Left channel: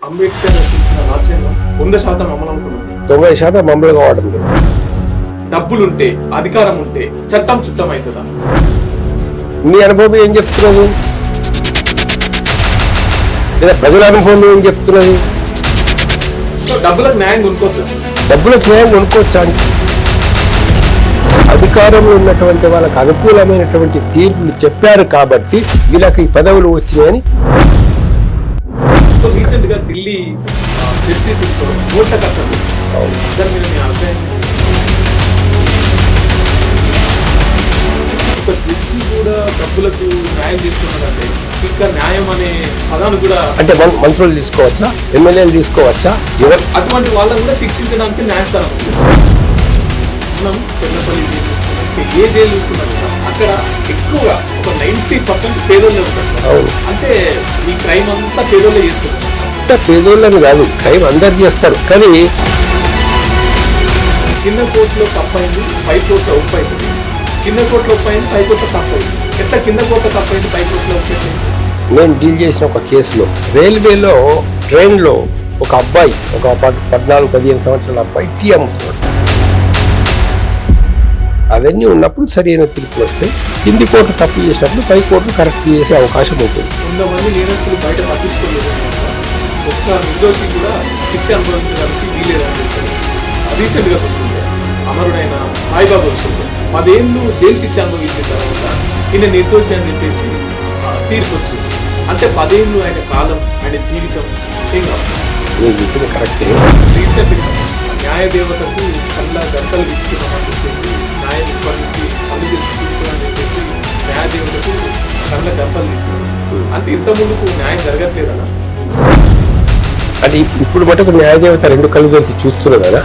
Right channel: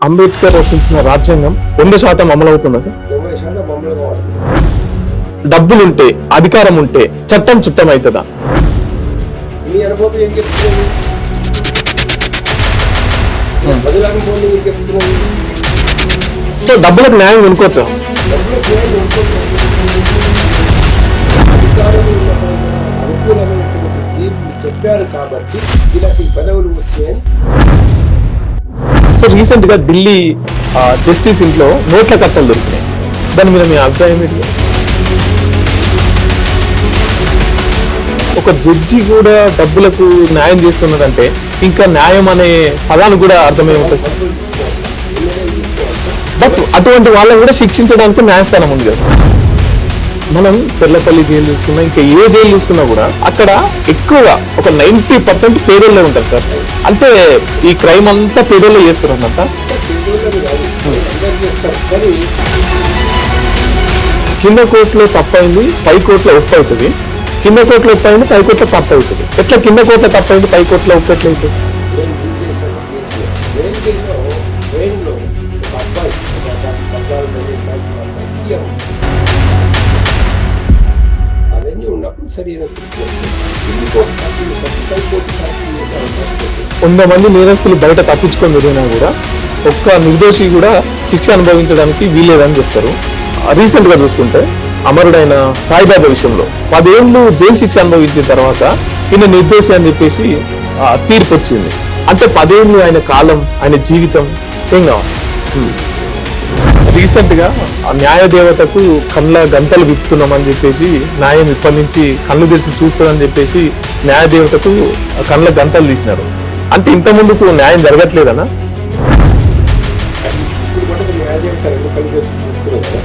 అంబేద్కర్ రచించిన రాజ్యాంగం 100% అమలవుతుందా సార్? 90% అమలు కావడం. డబ్బులుంటే అధికారం ఉంటే చట్టం చుట్టం అవుతుందా? మీ అనుభవం ఏం చెప్తున్నది? లేదా ప్రజల అనుభవం ఏం చెప్తున్నది? సో డబ్బులకు న్యాయం కొనుక్కోవచ్చా? డబ్బులకు న్యాయం కొనుక్కోవచ్చా? అధికారంలో ఉన్నటువంటి వాళ్ళకి అనుకూలమైనటువంటి తీర్పులు చెప్పారు కాబట్టి వీళ్ళకి పదవులు వచ్చినాయని. సో రీసెంట్ గా ఢిల్లీ జస్టిస్ ఇంట్లో నోట్ల కట్టలు దొరికినాయి. దాని మీద మీ అభిప్రాయం ఏంటి? ఒక జడ్జి కూడా డబ్బులకు న్యాయం చేస్తున్నాడంటే ఇంకా న్యాయం అనే పదాన్ని కూడా అర్థం కాదు. మంత్రులు తీసుకోవచ్చా? ఎమ్మెల్యేలు తీసుకోవచ్చా? అటువంటి వాళ్ళని కూడా శిక్షించడానికి న్యాయస్థానం ఉంది కదా. మనం చెర్లపల్లి జైలు చూసుకున్నా ఇంకా ఏ జైలు చూసుకున్నా కూడా అక్కడ ఎక్కువగా ఒక 90% పేదోళ్ళే ఉంటారు సార్. అంటే ఈ క్రైమ్ అంతా పేదోళ్ళే చేస్తున్నారన్నమాట. అంతా పేదోళ్ళని కాదు, క్రైమ్ అందరు చేస్తారు. కానీ కింద కోర్టులో తప్పైంది, పై కోర్టులో ఒప్పు అవుతుంది. కింద కోర్టులో ఒప్పు అయింది, పై కోర్టులో తప్పు అవుతుంది. ఎట్లా కింద కోర్టులో తప్పు అయింది, పై కోర్టులో ఒప్పు ఎట్లా అవుతుంది? నేను డీల్ చేసిన ఒక కేసులో రైల్వేలో ట్రైన్లో ఒక అబ్బాయి, ఒక 14-15 సంవత్సరాల అబ్బాయి టీ అమ్ముతున్నాడు. అవన్నీ ఉన్నప్పుడు సరైన తీర్పు వస్తే కింది కోర్టు తప్పు చేసినప్పుడు పై కోర్టు కరెక్ట్ చేసే అవకాశం ఉంటుంది. 100 మంది నేరస్తులు బయట తప్పించుకొని జరిగినా కూడా ఒక్క నిర్దోషి కూడా శిక్ష అనుభవించడానికి వీలేదని చెప్తారు. రీసెంట్ గా చూసుకుంటే అమరుడైన సాయిబాబా విషయంలో 10 ఏళ్ళు జైలు శిక్ష అనుభవించిన తర్వాత ఈయన నిర్దోషి అని చెప్పేసి తీర్పు వచ్చింది. అంటే 10 ఏళ్ళు ఆయన కాలం, ఆయన జీవితం ఏం కావాలి? రీసెంట్ గా న్యాయ దేవతకు కళ్ళ గంటలు విప్పుతున్నామని చెప్పేసి న్యాయం ఇప్పటి నుంచి కళ్ళు తెరిచి చూస్తుందని చెప్పేసి న్యాయ దేవతకు కళ్ళ గంటలు తీసినారు. అంటే ఇంత ముందుకు న్యాయం జరగట్లేదనా? అది ఇప్పుడు మటుకు న్యాయదేవత 2 కళ్ళు కలిసి చూస్తున్నారు కదా.